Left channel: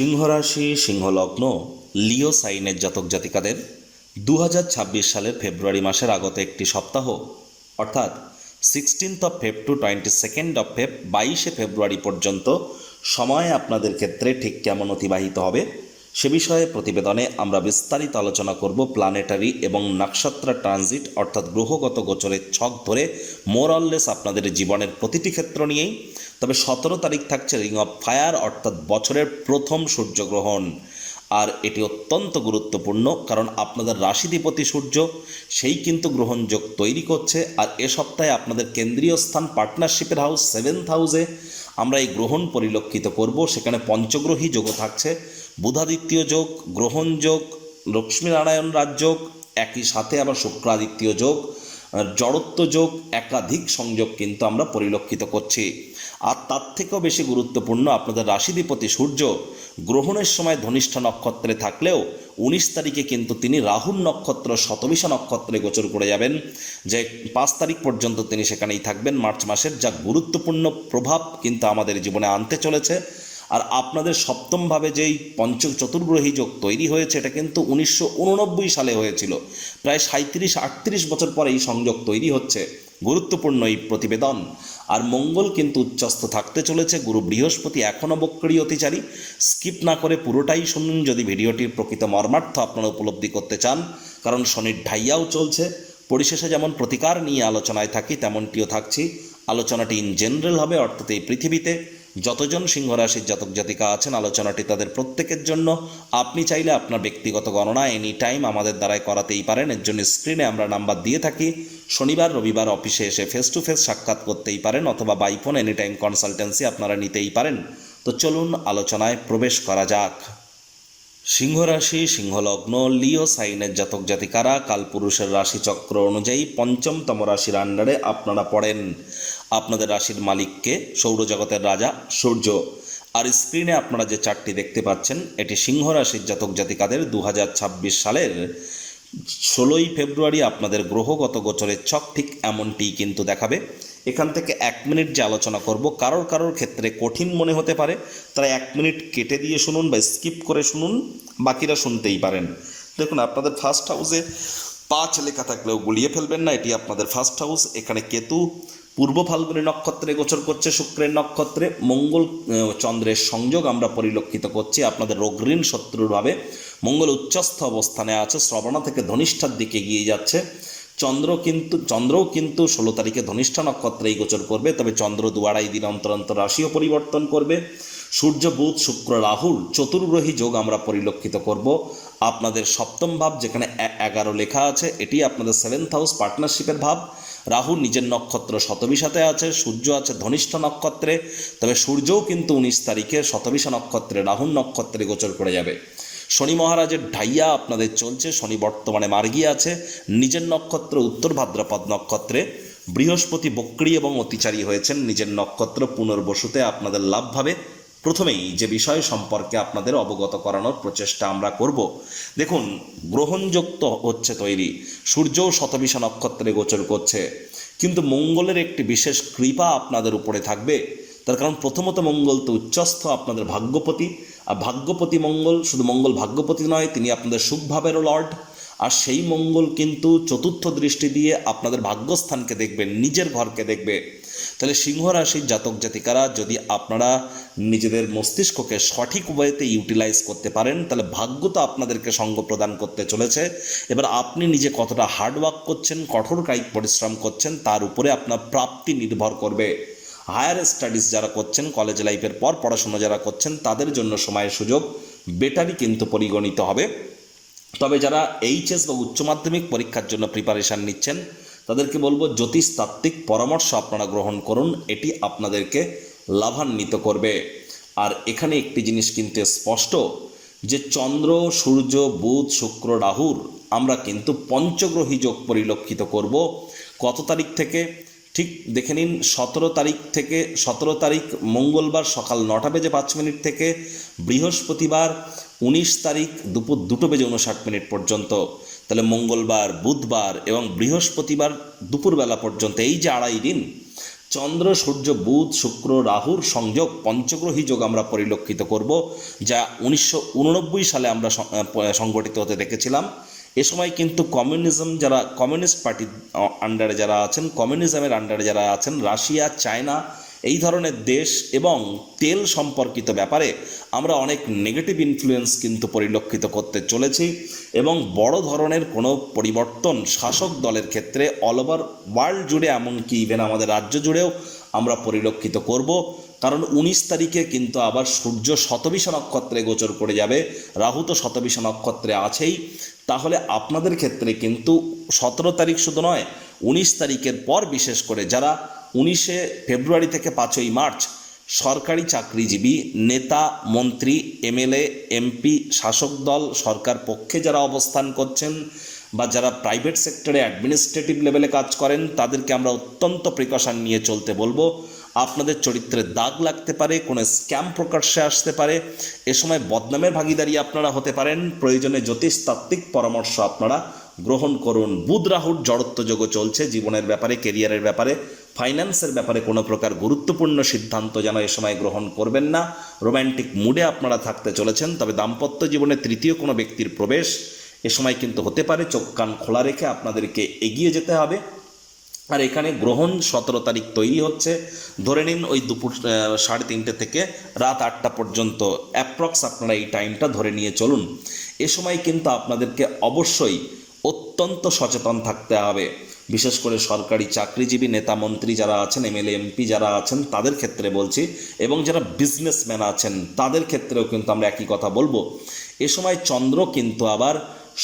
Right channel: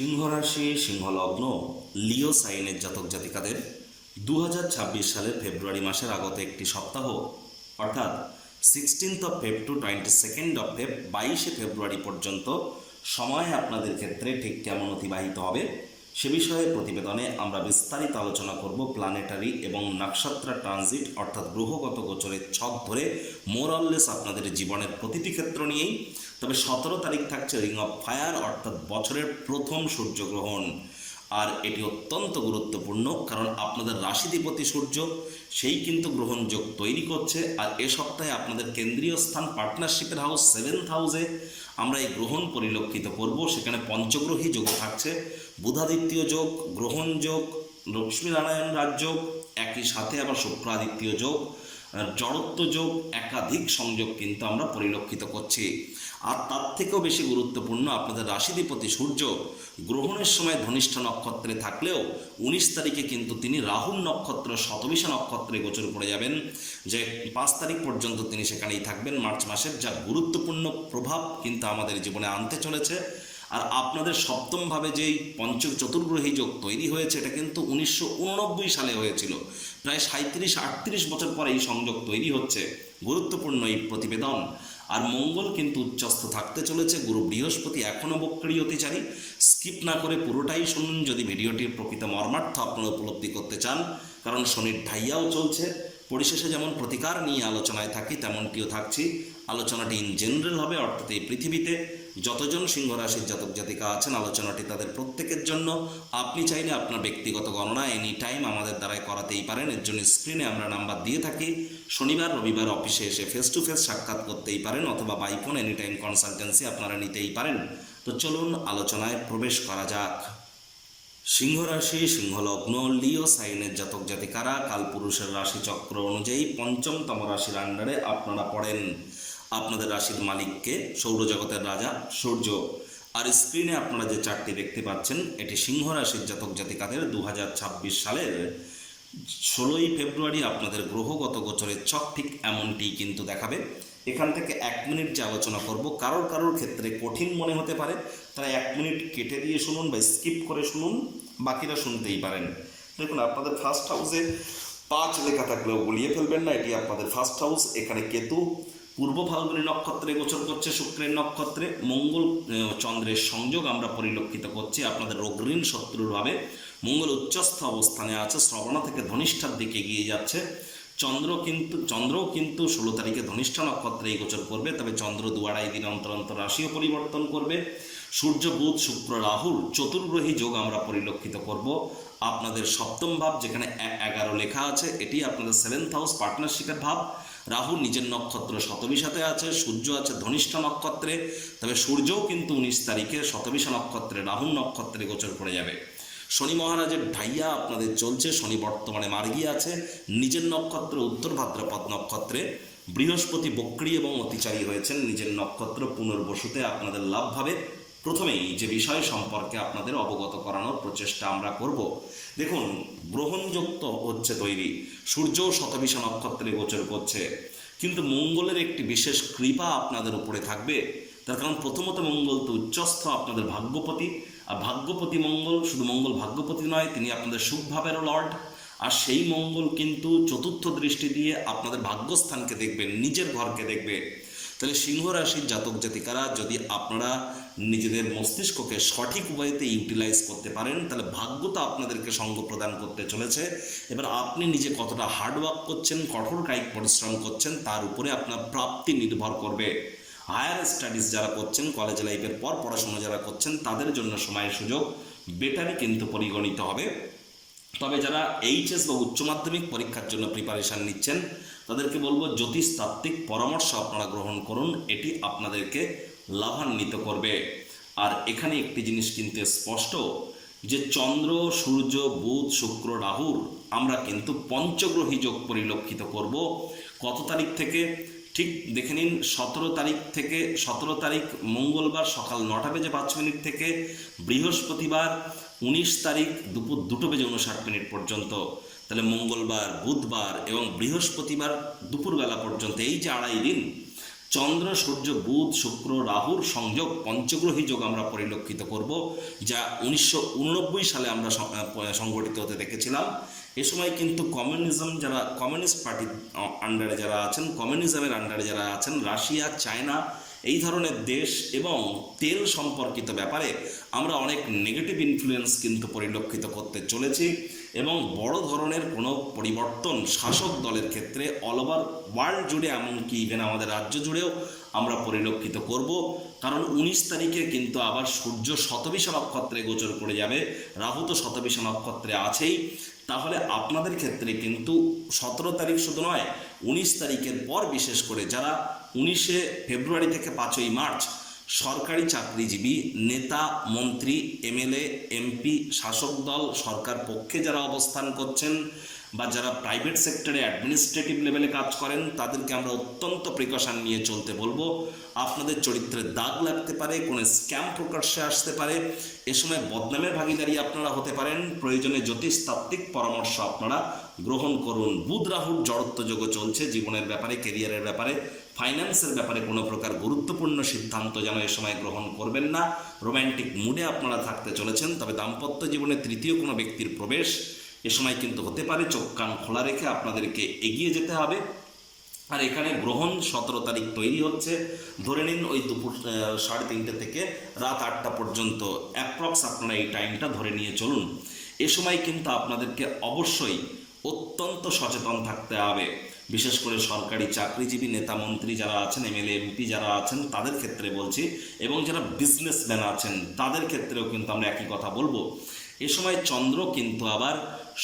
সিংহরাশি, সিংহলগ্ন লিও সাইনের জাতক জাতিকাদের দু হাজার ছাব্বিশ সালের ফেব্রুয়ারি মাসের আগত একটি সপ্তাহ, অর্থাৎ sixteenth of Feb to twenty second of Feb বাইশে ফেব্রুয়ারি পর্যন্ত সময় আপনাদের ক্ষেত্রে ঠিক কেমন অতিবাহিত হবে? সে বিষয়ে প্রতিবেদনে আমরা বিস্তারিত আলোচনা করব প্ল্যানেটারি এবং নক্ষত্র ট্রানজিট অর্থাৎ গ্রহগত গোচরের ছক ধরে মোরললেস আপনাদের জীবনের প্রতিটি ক্ষেত্র নিয়েই। তবে সতেরো তারিখ থাকছে রিং অফ ফায়ার অর্থাৎ বছরের প্রথম সূর্যগ্রহণ। আর এটি অত্যন্ত গুরুত্বপূর্ণ, কারণ আপনাদের রাশিধিপতি সূর্য, সেই কিন্তু গ্রহণযোগ তৈরি করছে। আর এ সপ্তাহে আপনাদের কেন্দ্রীয় স্থান পার্টনারশিপের হাউস সেভেন্থ হাউসে আমরা এই গ্রহণ পরিলক্ষিত করব। সেখানে পঞ্চগ্রহী যোগও থাকছে। বুধাদিত্য যোগ, গ্রহণ যোগ, লক্ষ্মীনারায়ণ রাজযোগ একই সাথে আবার শুক্রাদিত্য যোগ জড়ত্ব যোগ, একাধিক সংযোগ কিন্তু আমরা পরিলক্ষিত করছি। আর তার থেকেও বেশি গুরুত্বপূর্ণ আপনাদের রাশিধিপতি সূর্য গ্রহণের সময় ধনিষ্ঠা নক্ষত্রে থাকলেও উনিশ তারিখে কিন্তু তিনি রাহুল নক্ষত্র শতবিশা নক্ষত্রে গোচর করে যাবেন। যে পাঁচ তারিখ পর্যন্ত তিনি সেখানেই থাকবেন। মার্চ মাসের যা গুরুত্বপূর্ণ প্রভাব কিন্তু আমাদের জীবনে আনতে চলেছে। আর আপনাদের সপ্তমভাবে যেই পঞ্চ চতুর্গ্রহী যোগ তৈরি হয়েছে, এটা কিন্তু উনিশশো উননব্বই সালে হয়েছিল। প্রায় সাঁত্রিশ আটত্রিশ বছর পরে এই সংযোগ তৈরি হচ্ছে। গুরুত্বপূর্ণ এই প্রতিবেদন। আর মঙ্গল কিন্তু উচ্চস্থ থাকতে চলেছে। গুরু বৃহস্পতি এখনও বক্রী অতিচারী। স্কিপ না করে পুরোটাই শুনুন। যদি ভিডিওটির প্রকৃত মর্মার্থ আপনারা উপলব্ধি করতে চান, কারণ শনির ঢাইয়াও চলছে। পরিশেষে যেমন প্রতিকার নিয়ে আলোচনায় থাকি, তেমনটিও থাকছি। আলোচনাটি ইন জেনারেল হবে, অর্থাৎ এই পৃথিবীতে। যতজন সিংহ রাশির জাতক জাতিকা আছেন, আলোচনাটি তাদের প্রত্যেকের জন্য। আপনি চাইলে আপনার ব্যক্তিগত গণনা এনি টাইম আমাদের দ্বারাই করাতেই পারেন। এর জন্য স্ক্রিনে আমরা নাম্বার দিয়ে থাকি। শনিবার, রবিবার অফিসে এসে ফেস টু ফেস সাক্ষাৎ করতেই পারেন অথবা by phone any time consultancy আপনারা নিতেই পারেন। তো চলুন আলোচনায় প্রবেশ করা যাক। সিংহরাশি, সিংহলগ্ন লিও সাইনের জাতক জাতিকারা, কালপুরুষের রাশিচক্র অনুযায়ী পঞ্চমতম রাশির আন্ডারে আপনারা পড়েন। আপনাদের রাশির মালিককে, সৌরজগতের রাজা, সূর্য। আর স্ক্রিনে আপনারা যে চারটি দেখতে পাচ্ছেন, এটি সিংহ রাশির জাতক জাতিকাদের দু হাজার ছাব্বিশ সালের ষোলোই ফেব্রুয়ারি আপনাদের গ্রহগত গোচরের ছক ঠিক এমনটিই কিন্তু দেখাবে। এখান থেকে এক মিনিট যে আলোচনা করব, কারোর কারোর ক্ষেত্রে কঠিন মনে হতে পারে, তারা এক মিনিট কেটে দিয়ে শুনুন বা স্কিপ করে শুনুন, বাকিরা শুনতেই পারেন। দেখুন, আপনাদের ফার্স্ট হাউসে পাঁচ লেখা থাকলেও গুলিয়ে ফেলবেন না, এটি আপনাদের ফার্স্ট হাউস এখানে কেতু পূর্ব ফাল্গুনী নক্ষত্রে গোচর করছে, শুক্রের নক্ষত্রে মঙ্গল চন্দ্রের সংযোগ আমরা পরিলক্ষিত করছি। আপনাদের রোগঋণ শত্রুরভাবে মঙ্গল উচ্চস্থ অবস্থানে আছে, শ্রবণা থেকে ধনিষ্ঠার দিকে এগিয়ে যাচ্ছে। চন্দ্র কিন্তু, চন্দ্রও কিন্তু ষোলো তারিখে ধনিষ্ঠা নক্ষত্রেই গোচর করবে, তবে চন্দ্র দু আড়াই দিন অন্তর অন্তর রাশিও পরিবর্তন করবে। সূর্য, বুধ, শুক্র রাহুল চতুর্গ্রহী যোগ আমরা পরিলক্ষিত করব। আপনাদের সপ্তম ভাব যেখানে এগারো লেখা আছে, এটি আপনাদের সেভেন্থ হাউস পার্টনারশিপের ভাব। রাহু নিজের নক্ষত্র শতবিশাতে আছে, সূর্য আছে ধনিষ্ঠ নক্ষত্রে, তবে সূর্যও কিন্তু উনিশ তারিখে শতবিশা নক্ষত্রে রাহুল নক্ষত্রে গোচর করে যাবে। শনি মহারাজের ঢাইয়া আপনাদের চলছে, শনি বর্তমানে মার্গী আছে, নিজের নক্ষত্র উত্তর ভাদ্রপদ নক্ষত্রে, বৃহস্পতি বক্রী এবং অতিচারী হয়েছেন, নিজের নক্ষত্র পুনর্বসুতে আপনাদের লাভ ভাবে প্রথমেই যে বিষয় সম্পর্কে আপনাদের অবগত করানোর প্রচেষ্টা আমরা করব। দেখুন, গ্রহণযুক্ত হচ্ছে তৈরি। সূর্যও শতবিশা নক্ষত্রে গোচর করছে। কিন্তু মঙ্গলের একটি বিশেষ কৃপা আপনাদের উপরে থাকবে। তার কারণ প্রথমত মঙ্গল তো উচ্চস্থ, আপনাদের ভাগ্যপতি। আর ভাগ্যপতি মঙ্গল শুধু মঙ্গল ভাগ্যপতি নয়, তিনি আপনাদের সুখভাবেরও লর্ড। আর সেই মঙ্গল কিন্তু চতুর্থ দৃষ্টি দিয়ে আপনাদের ভাগ্যস্থানকে দেখবে, নিজের ঘরকে দেখবে। তাহলে সিংহ রাশির জাতক জাতিকারা যদি আপনারা নিজেদের মস্তিষ্ককে সঠিক ওয়েতে ইউটিলাইজ করতে পারেন, তাহলে ভাগ্য তো আপনাদেরকে সঙ্গ প্রদান করতে চলেছে। এবার আপনি নিজে কতটা হার্ডওয়ার্ক করছেন, কঠোর কায়িক পরিশ্রম করছেন, তার উপরে আপনার প্রাপ্তি নির্ভর করবে। হায়ার স্টাডিজ যারা করছেন কলেজ লাইফের পর পড়াশোনা যারা করছেন, তাদের জন্য সময়ের সুযোগ বেটারই কিন্তু পরিগণিত হবে। তবে যারা এইচএস বা উচ্চ মাধ্যমিক পরীক্ষার জন্য প্রিপারেশান নিচ্ছেন তাদেরকে বলব, জ্যোতিষতাত্ত্বিক পরামর্শ আপনারা গ্রহণ করুন, এটি আপনাদেরকে লাভান্বিত করবে। আর এখানে একটি জিনিস কিন্তু স্পষ্ট, যে চন্দ্র, সূর্য, বুধ, শুক্র, রাহুর আমরা কিন্তু পঞ্চগ্রহী যোগ পরিলক্ষিত করব। কত তারিখ থেকে? ঠিক দেখে নিন, সতেরো তারিখ থেকে, সতেরো তারিখ মঙ্গলবার সকাল নটা বেজে পাঁচ মিনিট থেকে, বৃহস্পতিবার উনিশ তারিখ দুপুর দুটো বেজে উনষাট মিনিট পর্যন্ত। তাহলে মঙ্গলবার, বুধবার এবং বৃহস্পতিবার দুপুরবেলা পর্যন্ত এই যে আড়াই দিন, চন্দ্র, সূর্য, বুধ, শুক্র, রাহুর সংযোগ, পঞ্চগ্রহী যোগ আমরা পরিলক্ষিত করব, যা উনিশশো উননব্বই সালে আমরা সংগঠিত হতে দেখেছিলাম। এ সময় কিন্তু কমিউনিজম যারা, কমিউনিস্ট পার্টির আন্ডারে যারা আছেন, কমিউনিজমের আন্ডারে যারা আছেন, রাশিয়া, চায়না এই ধরনের দেশ এবং তেল সম্পর্কিত ব্যাপারে আমরা অনেক নেগেটিভ ইনফ্লুয়েন্স কিন্তু পরিলক্ষিত করতে চলেছি এবং বড় ধরনের কোনো পরিবর্তন শাসক দলের ক্ষেত্রে অল ওভার ওয়ার্ল্ড জুড়ে এমনকি ইভেন আমাদের রাজ্য জুড়েও আমরা পরিলক্ষিত করব। কারণ উনিশ তারিখে কিন্তু আবার সূর্য শতবিশা নক্ষত্রে গোচর করে যাবে, রাহু তো শতবিশা নক্ষত্রে আছেই। তাহলে আপনাদের ক্ষেত্রে কিন্তু সতেরো তারিখ শুধু নয়, উনিশ তারিখের পর বিশেষ করে যারা উনিশে ফেব্রুয়ারি থেকে পাঁচই মার্চ সরকারি চাকরিজীবী, নেতা, মন্ত্রী, এমএলএ, এমপি, শাসক দল, সরকার পক্ষে যারা অবস্থান করছেন বা যারা প্রাইভেট সেক্টরে অ্যাডমিনিস্ট্রেটিভ লেভেলে কাজ করেন, তাদেরকে আমরা অত্যন্ত প্রিকশন নিয়ে চলতে বলব। আপনাদের চরিত্রে দাগ লাগতে পারে, কোনো স্ক্যাম প্রকাশ্যে আসতে পারে, এ সময় বদনামের ভাগিদারি আপনারা হতে পারেন, প্রয়োজনে জ্যোতিষতাত্ত্বিক পরামর্শ আপনারা গ্রহণ করুন। বুধ, রাহুর জড়ত্ব যোগ চলছে, জীবনের ব্যাপারে কেরিয়ারের ব্যাপারে। ফাইন্যান্সের ব্যাপারে কোনো প্রকার গুরুত্বপূর্ণ সিদ্ধান্ত যেন এ সময় গ্রহণ করবেন না। রোম্যান্টিক মুডে আপনারা থাকতে চলেছেন, তবে দাম্পত্য জীবনে তৃতীয় কোনো ব্যক্তির প্রবেশ এ সময় কিন্তু হতে পারে। চোখ কান খোলা রেখে আপনাদেরকে এগিয়ে যেতে হবে। আর এখানে গ্রহণ সতেরো তারিখ তৈরি হচ্ছে। ধরে নিন ওই দুপুর সাড়ে তিনটে থেকে রাত আটটা পর্যন্ত অ্যাপ্রক্স আপনারা এই টাইমটা ধরে নিয়ে চলুন। এ সময় কিন্তু আপনাদেরকে অবশ্যই অত্যন্ত সচেতন থাকতে হবে। বিশেষ করে সরকারি চাকরিজীবী নেতা মন্ত্রী যারা আছেন এমএলএ এমপি যারা আছেন, তাদের ক্ষেত্রে বলছি, এবং যারা বিজনেসম্যান আছেন, তাদের ক্ষেত্রেও কিন্তু আমরা একই কথা বলব। এ সময় চন্দ্র কিন্তু আবার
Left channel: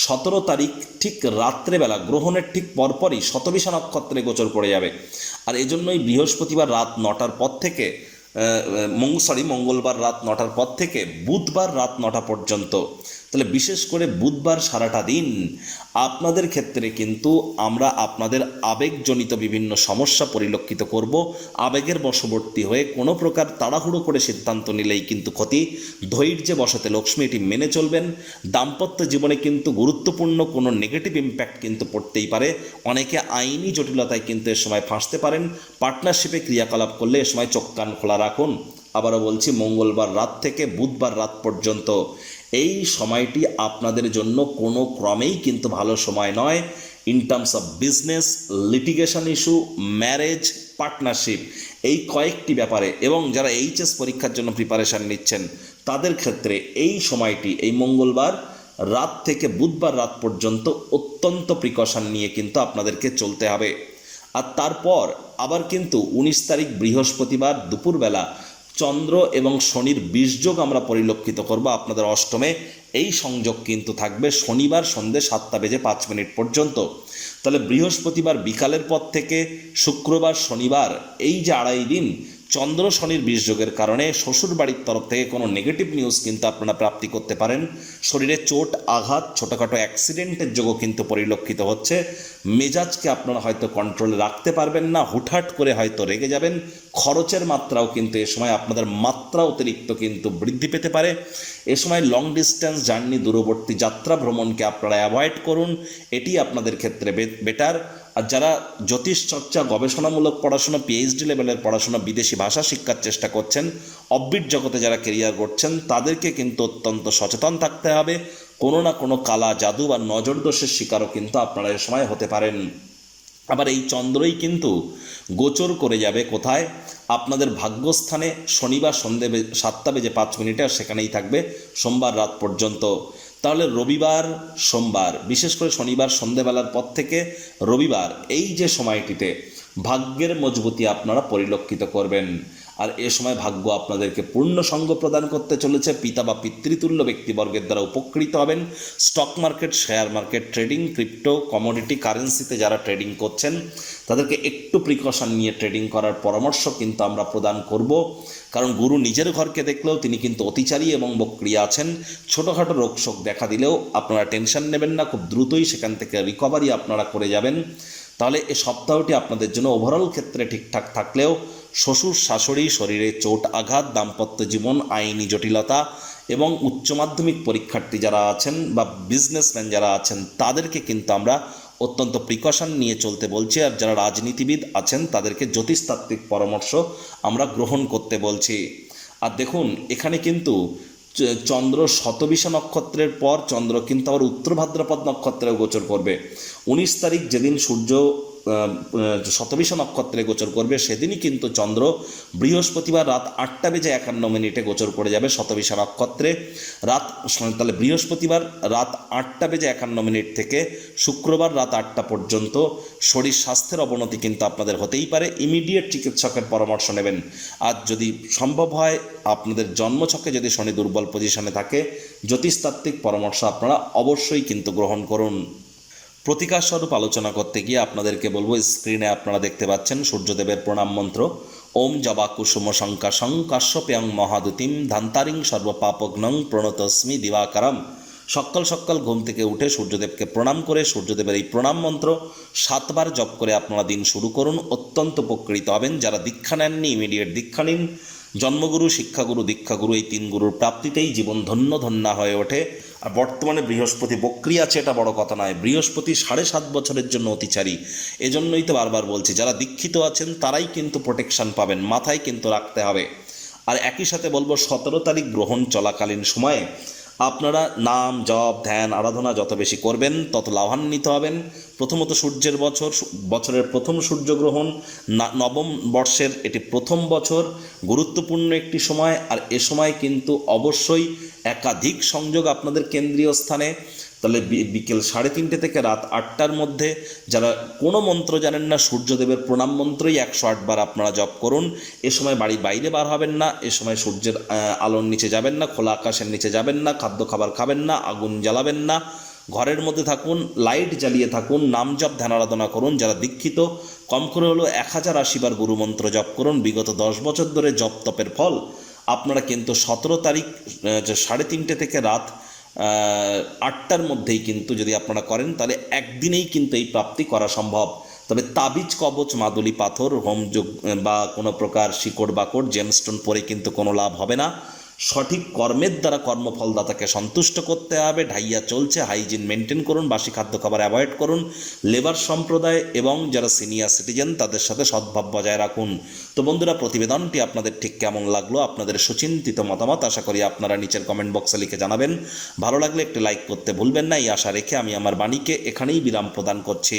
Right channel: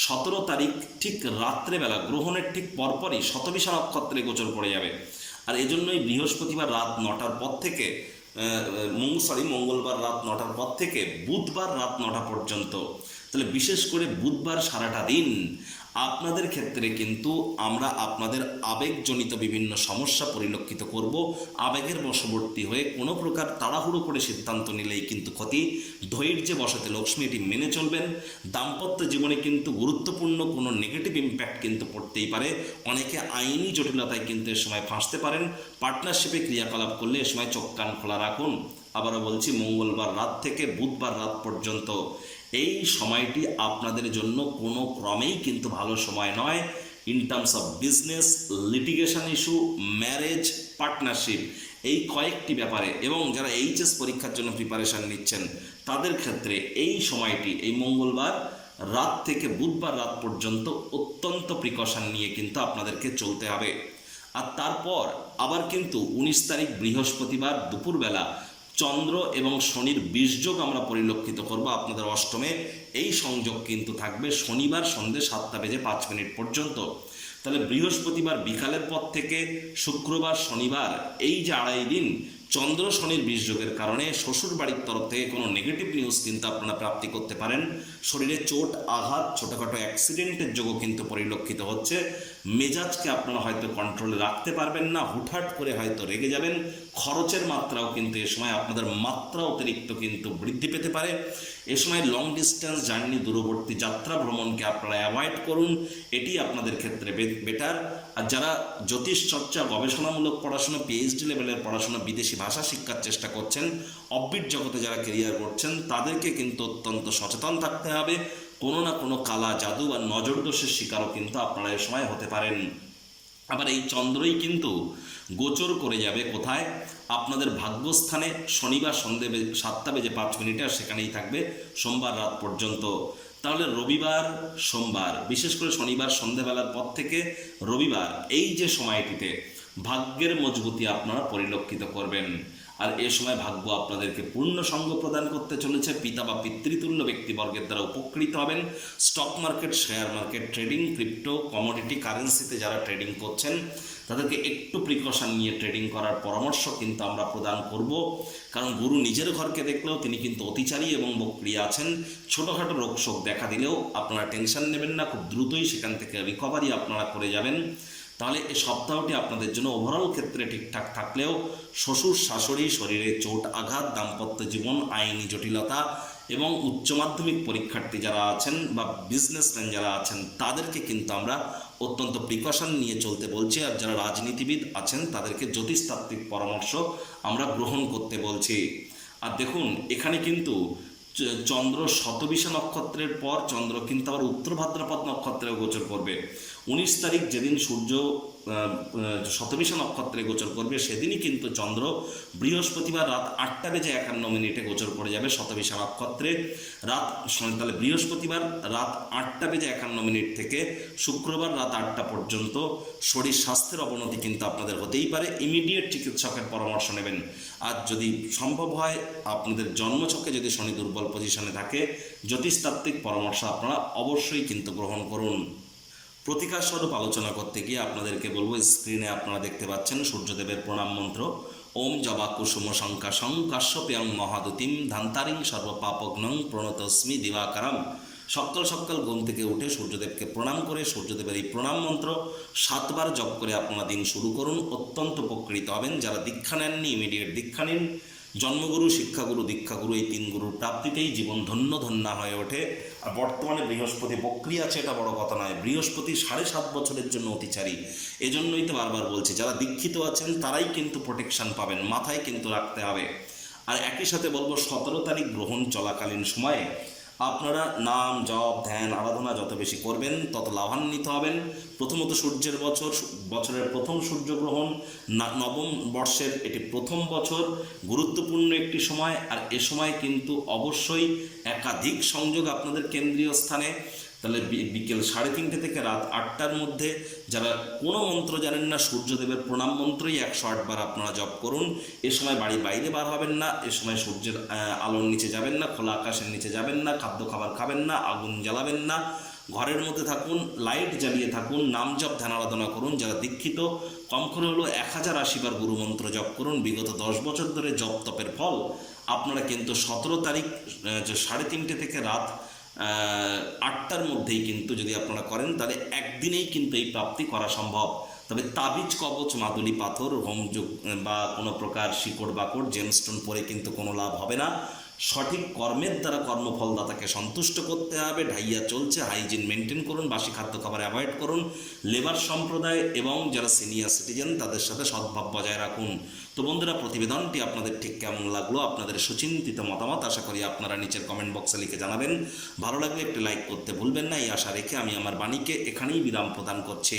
সতেরো তারিখ ঠিক রাত্রেবেলা, গ্রহণের ঠিক পরপরই শতবিশা নক্ষত্রে গোচর করে যাবে। আর এজন্যই বৃহস্পতিবার রাত নটার পর থেকে সরি মঙ্গলবার রাত নটার পর থেকে, বুধবার রাত নটা পর্যন্ত। তাহলে বিশেষ করে বুধবার সারাটা দিন আপনাদের ক্ষেত্রে কিন্তু আমরা আপনাদের আবেগজনিত বিভিন্ন সমস্যা পরিলক্ষিত করব। আবেগের বশবর্তী হয়ে কোনো প্রকার তাড়াহুড়ো করে সিদ্ধান্ত নিলেই কিন্তু ক্ষতি। ধৈর্যে বসতে লক্ষ্মী এটি মেনে চলবেন। দাম্পত্য জীবনে কিন্তু গুরুত্বপূর্ণ কোনো নেগেটিভ ইম্প্যাক্ট কিন্তু পড়তেই পারে। অনেকে আইনি জটিলতায় কিন্তু এ সময় ফাঁসতে পারেন। পার্টনারশিপে ক্রিয়াকলাপ করলে এ সময় চোখ কান খোলা রাখুন। আবারও বলছি, মঙ্গলবার রাত থেকে বুধবার রাত পর্যন্ত এই সময়টি আপনাদের জন্য কোনো ক্রমেই কিন্তু ভালো সময় নয়। In terms of business litigation issue marriage partnership এই কয়েকটি ব্যাপারে এবং যারা এইচএস পরীক্ষার জন্য প্রিপারেশান নিচ্ছেন, তাদের ক্ষেত্রে এই সময়টি, এই মঙ্গলবার রাত থেকে বুধবার রাত পর্যন্ত অত্যন্ত প্রিকশন নিয়ে কিন্তু আপনাদেরকে চলতে হবে। আর তারপর আবার কিন্তু উনিশ তারিখ বৃহস্পতিবার দুপুরবেলা চন্দ্র এবং শনির বীজযোগ আমরা পরিলক্ষিত করব আপনাদের অষ্টমে। এই সংযোগ কিন্তু থাকবে শনিবার সন্ধে সাতটা বেজে পাঁচ মিনিট পর্যন্ত। তাহলে বৃহস্পতিবার বিকালের পর থেকে শুক্রবার শনিবার, এই যে আড়াই দিন চন্দ্র শনির বীজযোগের কারণে শ্বশুর বাড়ির তরফ থেকে কোনো নেগেটিভ নিউজ কিন্তু আপনারা প্রাপ্তি করতে পারেন। শরীরে চোট, আঘাত, ছোটোখাটো অ্যাক্সিডেন্টের যোগও কিন্তু পরিলক্ষিত হচ্ছে। মেজাজকে আপনারা হয়তো কন্ট্রোলে রাখতে পারবেন না, হুটহাট করে হয়তো রেগে যাবেন। খরচের মাত্রাও কিন্তু এ সময় আপনাদের মাত্রা অতিরিক্ত কিন্তু বৃদ্ধি পেতে পারে। এ সময় লং ডিস্টেন্স জার্নি দূরবর্তী যাত্রা ভ্রমণকে আপনারা অ্যাভয়েড করুন। এটি আপনাদের ক্ষেত্রে বেটার আর যারা জ্যোতিষ চর্চা, গবেষণামূলক পড়াশোনা পিএইচডি লেভেলের পড়াশোনা বিদেশি ভাষা শিক্ষার চেষ্টা করছেন অব্বিট জগতে যারা কেরিয়ার করছেন তাদেরকে কিন্তু অত্যন্ত সচেতন থাকতে হবে। কোনো না কোনো কালা, জাদু বা নজর দোষের শিকারও কিন্তু আপনারা এ সময় হতে পারেন। আবার এই চন্দ্রই কিন্তু গোচর করে যাবে কোথায়? আপনাদের ভাগ্যস্থানে শনিবার সন্ধে সাতটা বেজে পাঁচ মিনিটে আর সেখানেই থাকবে সোমবার রাত পর্যন্ত। তাহলে রবিবার, সোমবার, বিশেষ করে শনিবার, সন্ধেবেলার পর থেকে রবিবার, এই যে সময়টিতে ভাগ্যের মজবুতি আপনারা পরিলক্ষিত করবেন। আর এ সময় ভাগ্য আপনাদেরকে পূর্ণ সঙ্গ প্রদান করতে চলেছে। পিতা বা পিতৃতুল্য ব্যক্তিবর্গের দ্বারা উপকৃত হবেন। Stock market, share market, trading, crypto commodity কারেন্সিতে যারা ট্রেডিং করছেন, তাদেরকে একটু প্রিকশন নিয়ে ট্রেডিং করার পরামর্শ কিন্তু আমরা প্রদান করব। কারণ গুরু নিজের ঘরকে দেখলেও তিনি কিন্তু অতিচারী এবং বক্রিয়া আছেন। ছোটোখাটো রোগ শোক দেখা দিলেও আপনারা টেনশন নেবেন না, খুব দ্রুতই সেখান থেকে রিকভারি আপনারা করে যাবেন। তাহলে এ সপ্তাহটি আপনাদের জন্য ওভারঅল ক্ষেত্রে ঠিকঠাক থাকলেও শ্বশুর শাশুড়ি শরীরে চোট আঘাত, দাম্পত্য জীবন, আইনি জটিলতা এবং উচ্চ মাধ্যমিক পরীক্ষার্থী যারা আছেন বা বিজনেসম্যান যারা আছেন, তাদেরকে কিন্তু আমরা অত্যন্ত প্রিকশন নিয়ে চলতে বলছি। আর যারা রাজনীতিবিদ আছেন, তাদেরকে জ্যোতিষতাত্ত্বিক পরামর্শ আমরা গ্রহণ করতে বলছি। আর দেখুন, এখানে কিন্তু চন্দ্র শতবিশা নক্ষত্রের পর চন্দ্র কিন্তু আবার উত্তর ভাদ্রপদ নক্ষত্রেও গোচর করবে। উনিশ তারিখ যেদিন সূর্য শতবিশা নক্ষত্রে গোচর করবে, সেদিনই কিন্তু চন্দ্র বৃহস্পতিবার রাত আটটা বেজে একান্ন মিনিটে গোচর করে যাবে শতবিশা নক্ষত্রে। রাত তাহলে, বৃহস্পতিবার রাত আটটা বেজে একান্ন মিনিট থেকে শুক্রবার রাত আটটা পর্যন্ত শরীর স্বাস্থ্যের অবনতি কিন্তু আপনাদের হতেই পারে। ইমিডিয়েট চিকিৎসকের পরামর্শ নেবেন। আর যদি সম্ভব হয়, আপনাদের জন্মছকে যদি শনি দুর্বল পজিশনে থাকে, জ্যোতিষতাত্ত্বিক পরামর্শ আপনারা অবশ্যই কিন্তু গ্রহণ করুন। প্রতিকার স্বরূপ আলোচনা করতে গিয়ে আপনাদেরকে বলব, স্ক্রিনে আপনারা দেখতে পাচ্ছেন সূর্যদেবের প্রণাম মন্ত্র। ওম জবা কুসুম শঙ্কাশং কাশ্যপ্যাং মহাদুতিম ধান্তারিং সর্বপাপগ্নং প্রণতস্মি দিবাকারম। সকাল সকাল ঘুম থেকে উঠে সূর্যদেবকে প্রণাম করে, সূর্যদেবের এই প্রণাম মন্ত্র সাতবার জপ করে আপনারা দিন শুরু করুন। অত্যন্ত উপকৃত হবেন। যারা দীক্ষা নেননি ইমিডিয়েট দীক্ষা নিন। জন্মগুরু, শিক্ষাগুরু, দীক্ষাগুরু এই তিন গুরুর প্রাপ্তিতেই জীবন ধন্য ধন্যা হয়ে ওঠে। আর বর্তমানে বৃহস্পতি বক্রিয়া আছে, এটা বড় কথা নয়। বৃহস্পতি সাড়ে সাত বছরের জন্য অতিচারী। এজন্যই তো বারবার বলছি, যারা দীক্ষিত আছেন তারাই কিন্তু প্রোটেকশন পাবেন, মাথায় কিন্তু রাখতে হবে। আর একই সাথে বলব, সতেরো তারিখ গ্রহণ চলাকালীন সময়ে আপনারা নাম, জপ, ধ্যান, আরাধনা যত বেশি করবেন, তত লাভান্বিত হবেন। প্রথমত সূর্যের বছর বছরের প্রথম সূর্যগ্রহণ নবম বর্ষের এটি প্রথম বছর, গুরুত্বপূর্ণ একটি সময়, আর এ সময় কিন্তু অবশ্যই একাধিক সংযোগ আপনাদের কেন্দ্রীয় স্থানে তাহলে বিকেল সাড়ে তিনটে থেকে রাত আটটার মধ্যে যারা কোনো মন্ত্র জানেন না, সূর্যদেবের প্রণাম মন্ত্রই একশো আটবার আপনারা জপ করুন। এ সময় বাড়ি বাইরে বার হবেন না, এ সময় সূর্যের আলোর নিচে যাবেন না, খোলা আকাশের নিচে যাবেন না, খাদ্য খাবার খাবেন না, আগুন জ্বালাবেন না। ঘরের মধ্যে থাকুন, লাইট জ্বালিয়ে থাকুন, নাম জপ, ধ্যান আরাধনা করুন। যারা দীক্ষিত, কম করে হলো এক হাজার আশিবার গুরুমন্ত্র জপ করুন। বিগত দশ বছর ধরে জপ তপের ফল। আপনারা কিন্তু সতেরো তারিখ সাড়ে তিনটে থেকে রাত আটটার মধ্যেই কিন্তু যদি আপনারা করেন, তাহলে একদিনেই কিন্তু এই প্রাপ্তি করা সম্ভব। তবে তাবিজ, কবচ, মাদুলি, পাথর হোমযোগ বা কোনো প্রকার শিকড় বাকড় জেমস্টোন পরে কিন্তু কোনো লাভ হবে না। সঠিক কর্মের দ্বারা কর্মফলদাতাকে সন্তুষ্ট করতে হবে, ঢাইয়া চলছে হাইজিন মেনটেন করুন, বাসি খাদ্য খাবার অ্যাভয়েড করুন লেবার সম্প্রদায় এবং যারা সিনিয়র সিটিজেন তাদের সাথে সদ্ভাব বজায় রাখুন। তো বন্ধুরা, প্রতিবেদনটি আপনাদের ঠিক কেমন লাগল, আপনাদের সুচিন্তিত মতামত আশা করি আপনারা নিচের কমেন্ট বক্সে লিখে জানাবেন। ভালো লাগলে একটি লাইক করতে ভুলবেন না, এই আশা রেখে আমি আমার বাণীকে এখানেই বিরাম প্রদান করছি।